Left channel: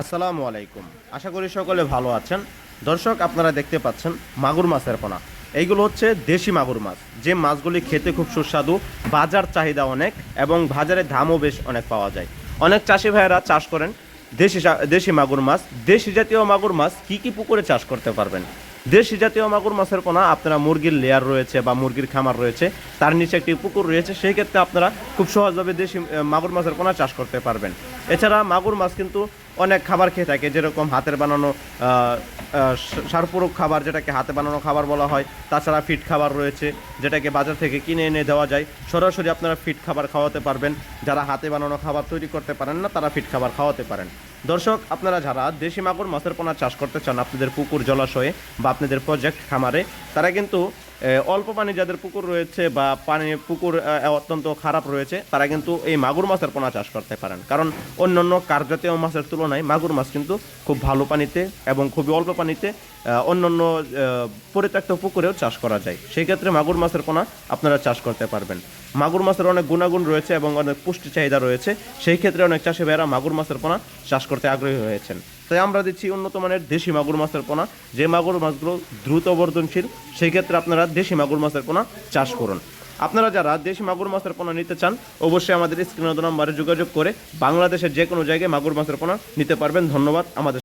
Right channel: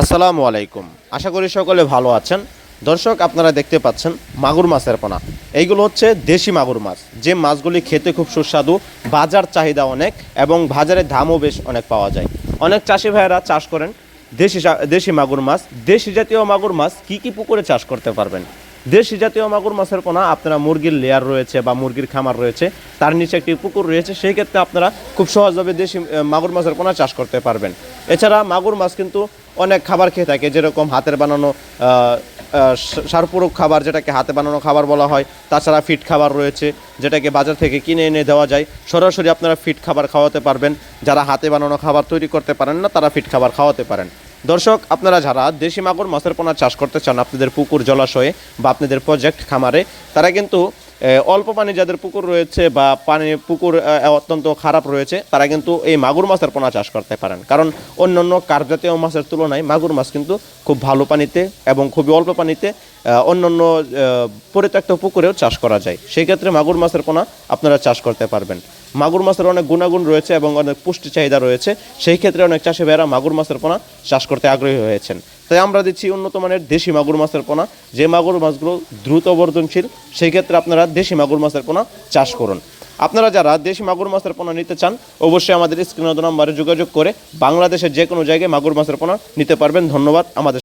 আসসালামু আলাইকুম। আশা করি সকলে ভালো আছেন। দর্শক, আপনারা দেখতে পাচ্ছেন মাগুর মাছের পোনা। এইগুলো হচ্ছে দেশি মাগুর মাছ। যে মাছগুলি খেতে খুব সুস্বাদু, বাজার চাহিদা অনেক এবং বাজারে দামও বেশ অনেক পাওয়া যায়। অনেক চাষি ভাইয়েরা চাষ করেন দেশি দেশি মাগুর মাছ। দেশি জাতীয় মাগুর মাছ কি কি পুকুরে চাষ করতে পারবেন? দেশি জাতীয় মাগুর মাছের পোনা, আপনারা মুরগির লেয়ার রয়েছে বা মুরগির খামার রয়েছে, তার নিচে একটি পুকুর রয়েছে, সেই ক্ষেত্রে আপনারা খুব সহজভাবে দেশি মাগুর মাছের পোনা চাষ করতে পারবেন। এছাড়া মাগুর মাছ কিন্তু অনেক খাবার খেয়ে থাকে, যেরকম হাতের বানানো সারপূরক খাবার, যেটাকে হাতে বানানো খাবার বলা হয়, তাছাড়া ফিট খাবার রয়েছে, যেটাকে বাজার থেকে কিনে এনে দেওয়া যায়। সরাসরি আপনারা ফিট খাবার খাওয়াতে পারবেন, যারা হাতে বানানো খাবার তৈরি করতে পারেন না, তারা ফিট খাবার খাওয়াতে পারেন। দর্শক, আপনারা যারা দেশি মাগুর, মাছের পোনা চাষ করতে চান, আপনাদের পুকুর জলাশয়ে বা আপনাদের প্রজেক্ট খামারে, তারা কিন্তু অল্প পানি যাদের পুকুর রয়েছে বা পানি পুকুর অত্যন্ত খারাপ রয়েছে, তারা কিন্তু এই মাগুর মাছের পোনা চাষ করতে পারেন। কারণ অন্যান্য কার্পজাতীয় মাছের তুলনায় মাগুর মাছ কিন্তু খুব ভালো পানিতে এবং খুবই অল্প পানিতে অন্যান্য পরিত্যক্ত পুকুরেও চাষ করা যায়। সেই ক্ষেত্রে মাগুর মাছের পোনা আপনারা চাষ করতে পারবেন। মাগুর মাছের অনেক গুণাগুণ রয়েছে এবং অনেক পুষ্টি চাহিদা রয়েছে। সেই ক্ষেত্রে অনেক চাষি ভাইয়েরা মাগুর মাছের পোনা চাষ করতে আগ্রহী হয়েছেন। তাই আমরা দিচ্ছি উন্নত মানের দেশি মাগুর মাছের পোনা। যে মাগুর মাছগুলো দ্রুত বর্ধনশীল, সেই ক্ষেত্রে আপনারা দেশি মাগুর মাছের পোনা চাষ করুন। আপনারা যারা দেশি মাগুর মাছের পোনা নিতে চান, অবশ্যই আমাদের স্ক্রিন নাম্বারে যোগাযোগ করে বাংলাদেশের যে কোনো জায়গায় মাগুর মাছের পোনা নিতে পারবেন। ধন্যবাদ, আমাদের